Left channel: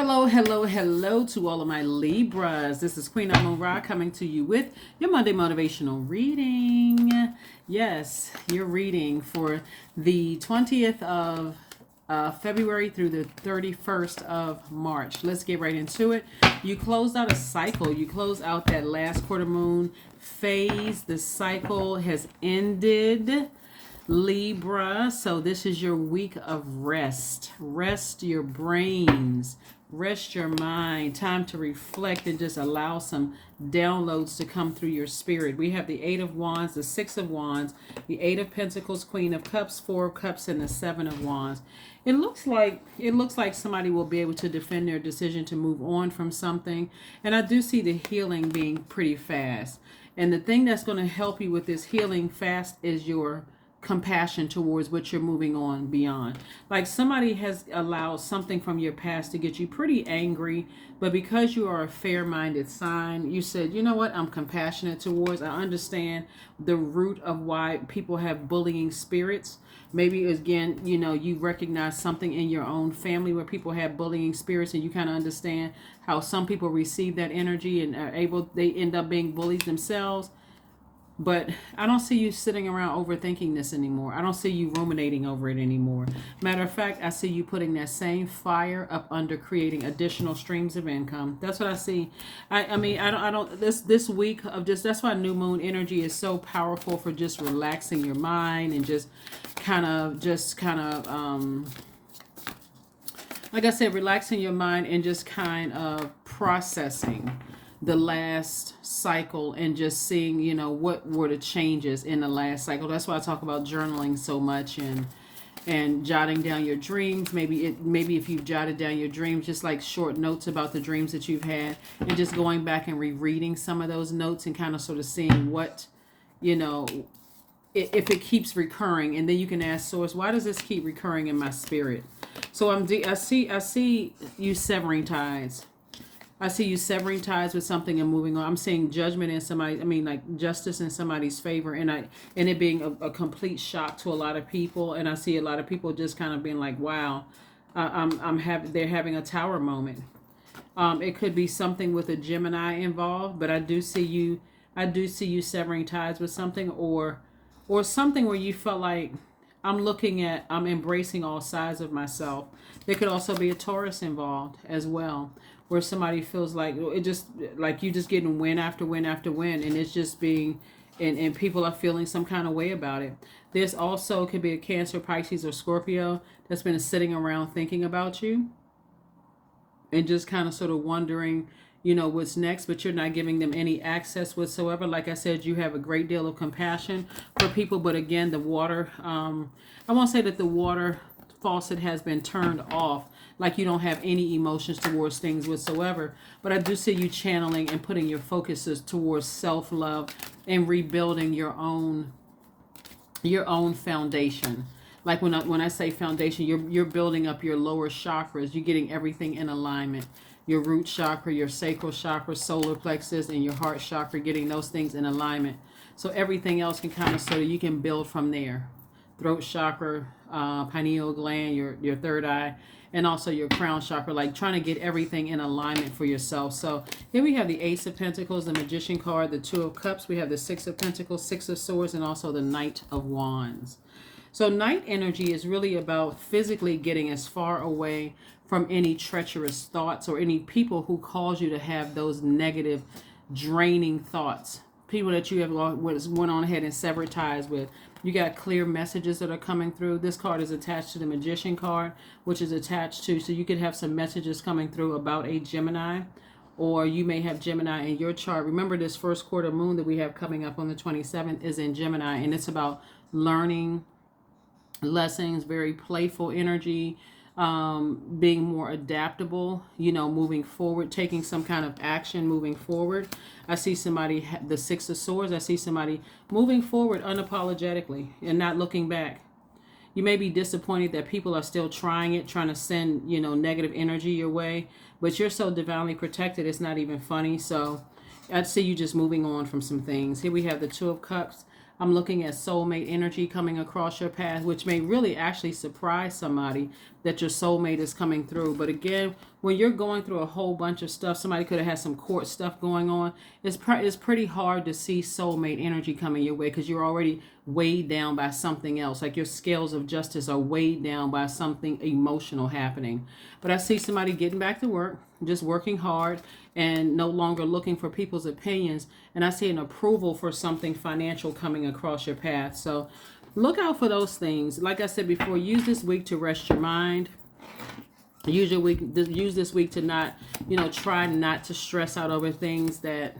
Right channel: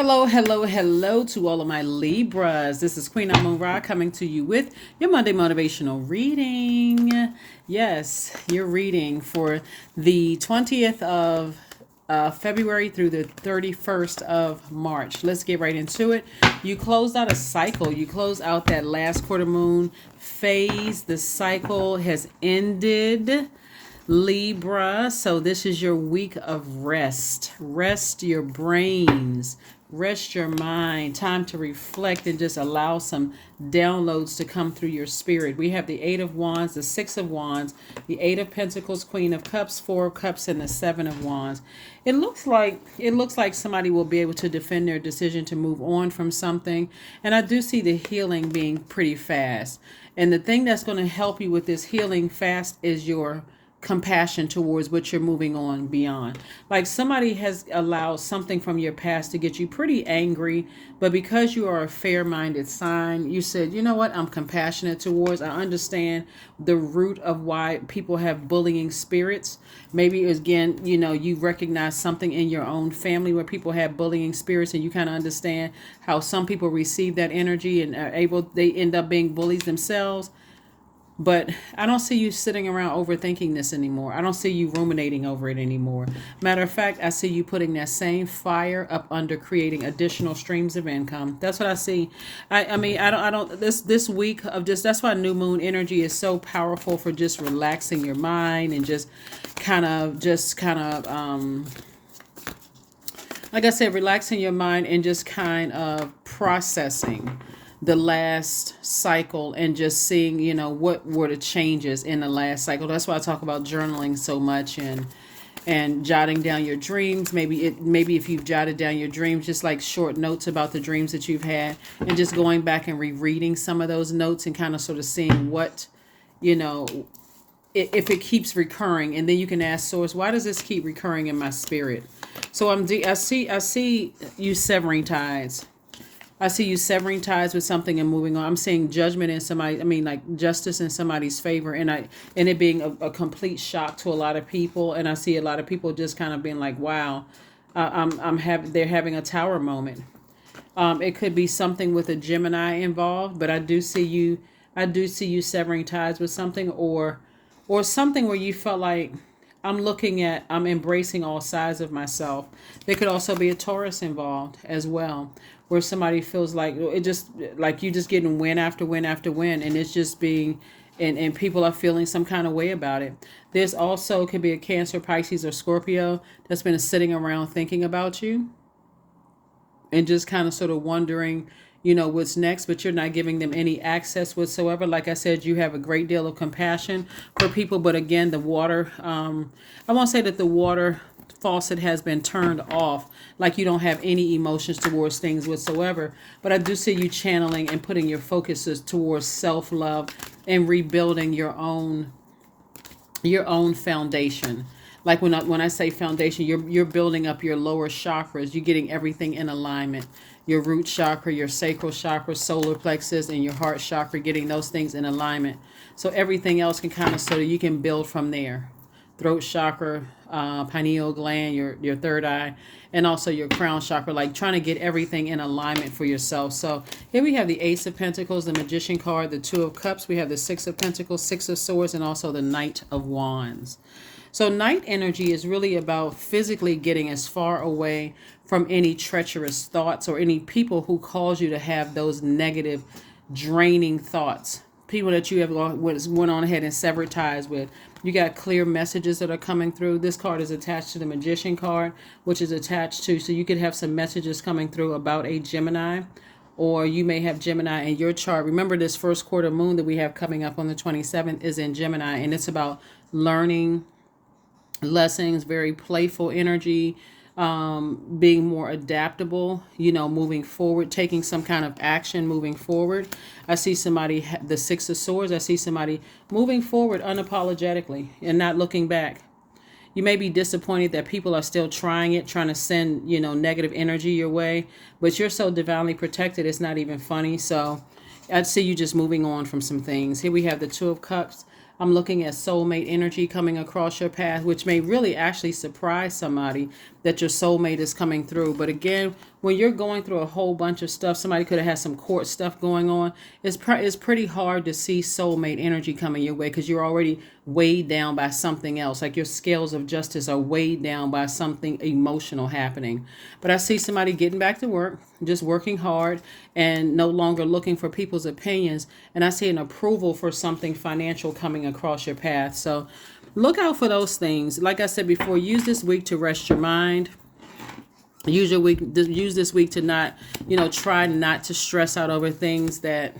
Hello, hello, hello to all of my Libras. This is Queen Amun Ra coming to you with your Monday motivational reading. Yes, your reading for the 20th of February through the 31st of March. Let's get right into it. You closed out a cycle. You closed out that last quarter moon phase. The cycle has ended. Libra, so this is your week of rest. Rest your brains, rest your mind, time to reflect and just allow some downloads to come through your spirit. We have the Eight of Wands, the Six of Wands, the Eight of Pentacles, Queen of Cups, Four of Cups, and the Seven of Wands. It looks like somebody will be able to defend their decision to move on from something. And I do see the healing being pretty fast. And the thing that's going to help you with this healing fast is your compassion towards what you're moving on beyond. Like somebody has allowed something from your past to get you pretty angry, but because you are a fair-minded sign, you said, you know what, I'm compassionate towards. I understand the root of why people have bullying spirits. Maybe again, you recognize something in your own family where people have bullying spirits, and you kind of understand how some people receive that energy and they end up being bullies themselves. But I don't see you sitting around overthinking this anymore. I don't see you ruminating over it anymore. Matter of fact, I see you putting that same fire up under creating additional streams of income. That's what I see. I mean, I don't, this week of just, that's why new moon energy is so powerful for just relaxing your mind and just kind of, like I said, relaxing your mind and just kind of processing the last cycle and just seeing, what were the changes in the last cycle. That's why I talk about journaling so much and jotting down your dreams. Maybe if you've jotted down your dreams, just like short notes about the dreams that you've had, and just going back and rereading some of those notes and kind of sort of seeing what, if it keeps recurring. And then you can ask source, why does this keep recurring in my spirit? So I see you severing ties. I see you severing ties with something and moving on. I'm seeing judgment in somebody. I mean, like justice in somebody's favor, and it being a complete shock to a lot of people. And I see a lot of people just kind of being like, "Wow, they're having a tower moment." It could be something with a Gemini involved, but I do see you severing ties with something, or something where you felt like I'm embracing all sides of myself. There could also be a Taurus involved as well, where somebody feels like it just like you just getting win after win after win, and it's just being, and people are feeling some kind of way about it. This also could be a Cancer, Pisces, or Scorpio that's been sitting around thinking about you and just kind of sort of wondering, what's next, but you're not giving them any access whatsoever. Like I said, you have a great deal of compassion for people, but again, the water, I won't say that the water faucet has been turned off, like you don't have any emotions towards things whatsoever, but I do see you channeling and putting your focuses towards self-love and rebuilding your own foundation. Like when I say foundation, you're building up your lower chakras. You're getting everything in alignment. Your root chakra, your sacral chakra, solar plexus, and your heart chakra, getting those things in alignment. So everything else can kind of, so you can build from there. Throat chakra, pineal gland, your third eye, and also your crown chakra, like trying to get everything in alignment for yourself. So here we have the Ace of Pentacles, the Magician card, the Two of Cups. We have the Six of Pentacles, Six of Swords, and also the Knight of Wands. So night energy is really about physically getting as far away from any treacherous thoughts or any people who cause you to have those negative, draining thoughts. People that you have went on ahead and severed ties with. You got clear messages that are coming through. This card is attached to the Magician card, which is attached to, so you could have some messages coming through about a Gemini, or you may have Gemini in your chart. Remember, this first quarter moon that we have coming up on the 27th is in Gemini, and it's about learning lessons, very playful energy, being more adaptable, moving forward, taking some kind of action, moving forward. I see somebody, the Six of Swords, I see somebody moving forward unapologetically and not looking back. You may be disappointed that people are still trying to send, negative energy your way, but you're so divinely protected, it's not even funny. So I'd see you just moving on from some things. Here we have the Two of Cups. I'm looking at soulmate energy coming across your path, which may really actually surprise somebody that your soulmate is coming through. But again, when you're going through a whole bunch of stuff, somebody could have had some court stuff going on. It's pretty hard to see soulmate energy coming your way because you're already weighed down by something else. Like your scales of justice are weighed down by something emotional happening. But I see somebody getting back to work, just working hard and no longer looking for people's opinions. And I see an approval for something financial coming across your path. So look out for those things. Like I said before, use this week to rest your mind. Use this week to not, try not to stress out over things that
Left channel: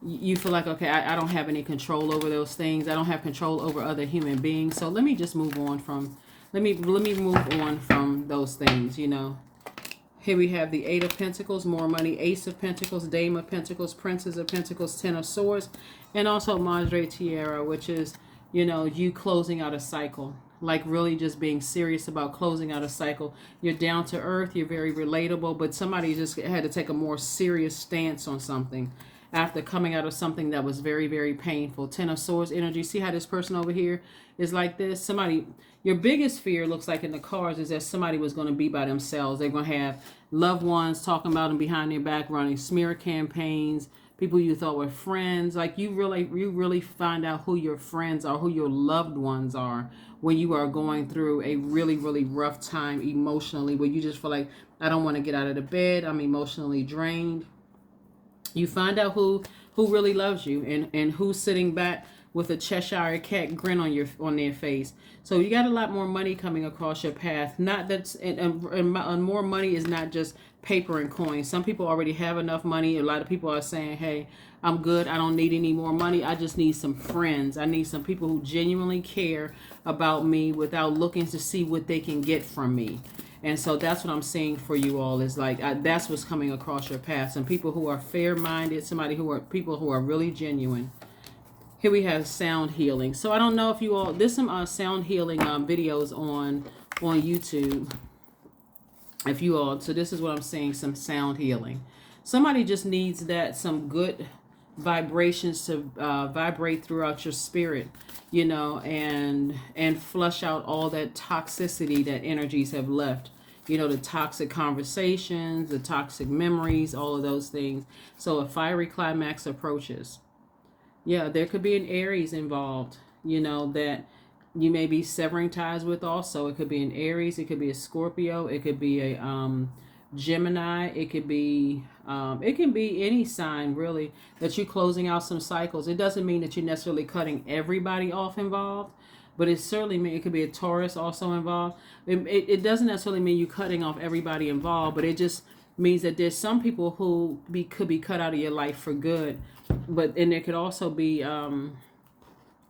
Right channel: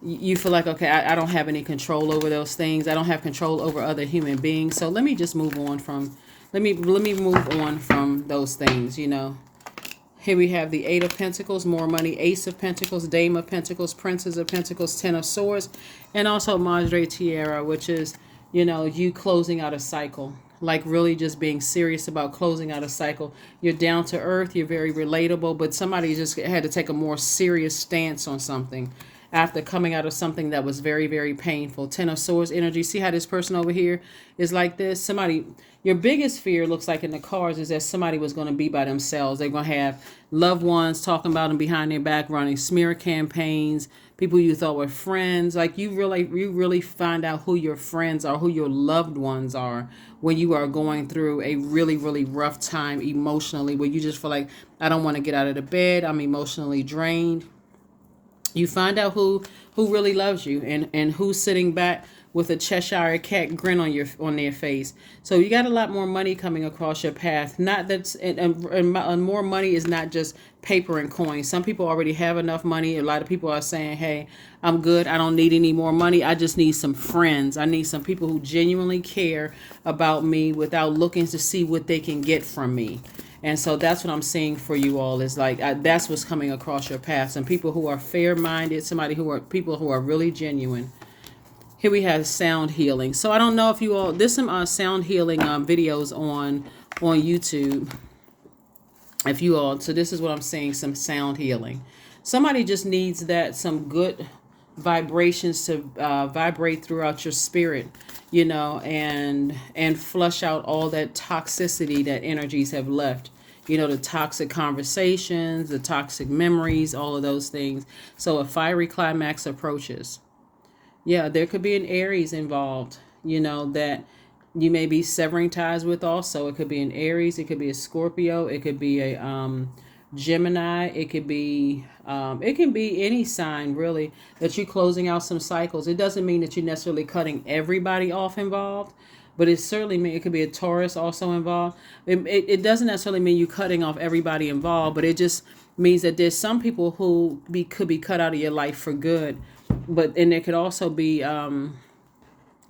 you feel like, okay, I don't have any control over those things. I don't have control over other human beings. So let me just move on from, let me move on from those things, Here we have the Eight of Pentacles, more money, Ace of Pentacles, Dame of Pentacles, Princess of Pentacles, Ten of Swords, and also Madre Tierra, which is, you closing out a cycle. Like really just being serious about closing out a cycle. You're down to earth, you're very relatable, but somebody just had to take a more serious stance on something after coming out of something that was very, very painful. Ten of Swords energy. See how this person over here is like this? Your biggest fear looks like in the cards is that somebody was going to be by themselves. They're going to have loved ones talking about them behind their back, running smear campaigns, people you thought were friends. Like you really find out who your friends are, who your loved ones are when you are going through a really, really rough time emotionally, where you just feel like, I don't want to get out of the bed. I'm emotionally drained. You find out who really loves you and who's sitting back with a Cheshire cat grin on their face. So you got a lot more money coming across your path. Not that's and more money is not just paper and coins. Some people already have enough money. A lot of people are saying, hey, I'm good. I don't need any more money. I just need some friends. I need some people who genuinely care about me without looking to see what they can get from me. And so that's what I'm seeing for you all is like, that's what's coming across your path. Some people who are fair-minded, people who are really genuine. Here we have sound healing. So I don't know if you all, there's some sound healing videos on YouTube. If you all, so this is what I'm saying, some sound healing. Somebody just needs some good vibrations to vibrate throughout your spirit, and flush out all that toxicity that energies have left. The toxic conversations, the toxic memories, all of those things. So a fiery climax approaches. Yeah, there could be an Aries involved, that you may be severing ties with also. It could be an Aries, it could be a Scorpio, it could be a Gemini, it could be any sign really that you're closing out some cycles. It doesn't mean that you're necessarily cutting everybody off involved, but it certainly means it could be a Taurus also involved. It doesn't necessarily mean you cutting off everybody involved, but it just means that there's some people who could be cut out of your life for good. And there could also be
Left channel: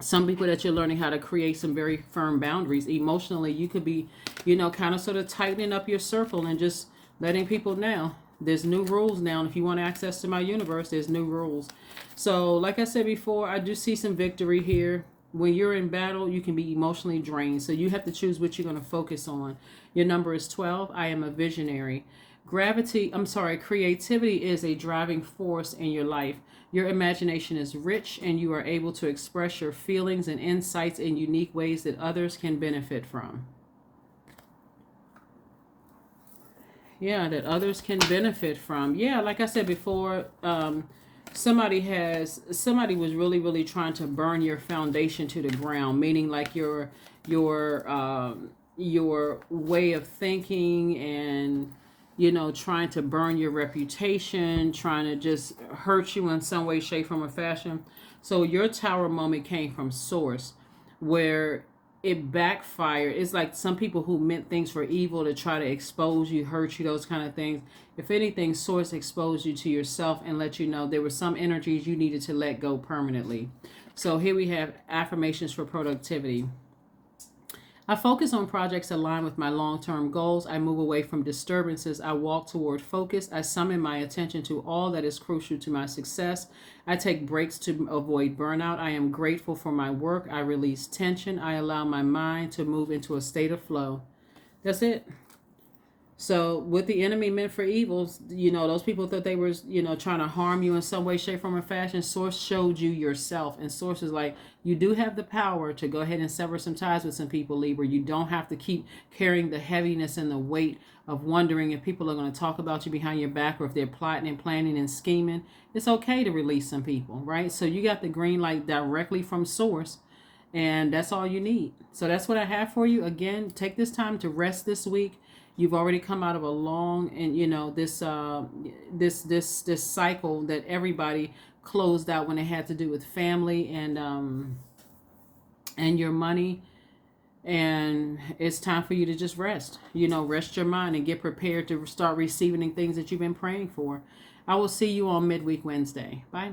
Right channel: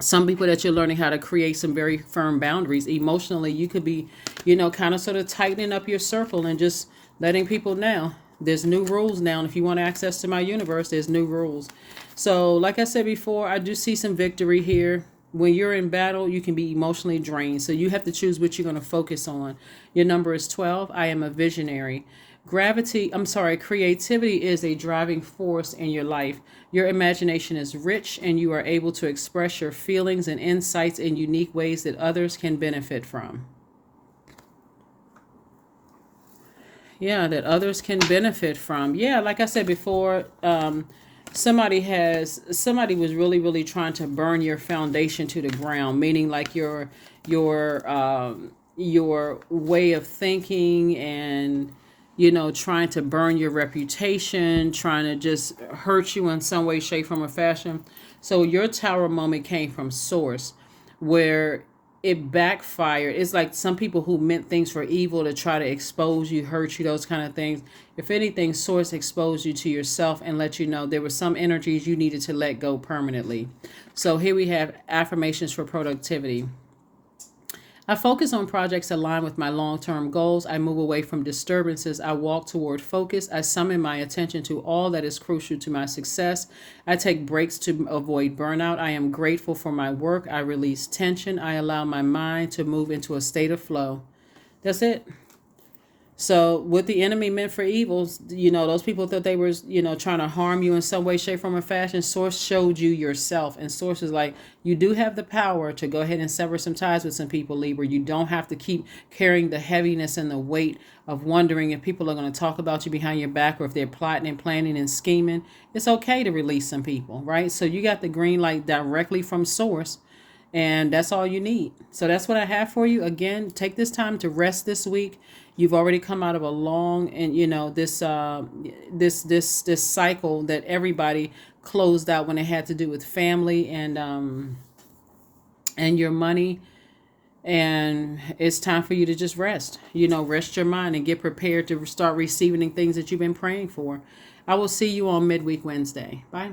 some people that you're learning how to create some very firm boundaries. Emotionally, you could be, kind of sort of tightening up your circle and just letting people know there's new rules now. And if you want access to my universe, there's new rules. So like I said before, I do see some victory here. When you're in battle, you can be emotionally drained. So you have to choose what you're going to focus on. Your number is 12. I am a visionary. Creativity is a driving force in your life. Your imagination is rich and you are able to express your feelings and insights in unique ways that others can benefit from. Yeah, that others can benefit from. Yeah, like I said before, somebody was really, really trying to burn your foundation to the ground, meaning like your way of thinking and trying to burn your reputation, trying to just hurt you in some way, shape, form, or fashion. So your tower moment came from source, where it backfired. It's like some people who meant things for evil to try to expose you, hurt you, those kind of things. If anything, source exposed you to yourself and let you know there were some energies you needed to let go permanently. So here we have affirmations for productivity. I focus on projects aligned with my long-term goals. I move away from disturbances. I walk toward focus. I summon my attention to all that is crucial to my success. I take breaks to avoid burnout. I am grateful for my work. I release tension. I allow my mind to move into a state of flow. That's it. So what the enemy meant for evils, those people thought they were, trying to harm you in some way, shape, form, or fashion. Source showed you yourself. And Source is like, you do have the power to go ahead and sever some ties with some people, Libra. You don't have to keep carrying the heaviness and the weight of wondering if people are going to talk about you behind your back, or if they're plotting and planning and scheming. It's okay to release some people, right? So you got the green light directly from Source, and that's all you need. So that's what I have for you. Again, take this time to rest this week. You've already come out of a long, and this cycle that everybody closed out when it had to do with family and your money. And it's time for you to just rest. Rest your mind and get prepared to start receiving things that you've been praying for. I will see you on midweek Wednesday. Bye.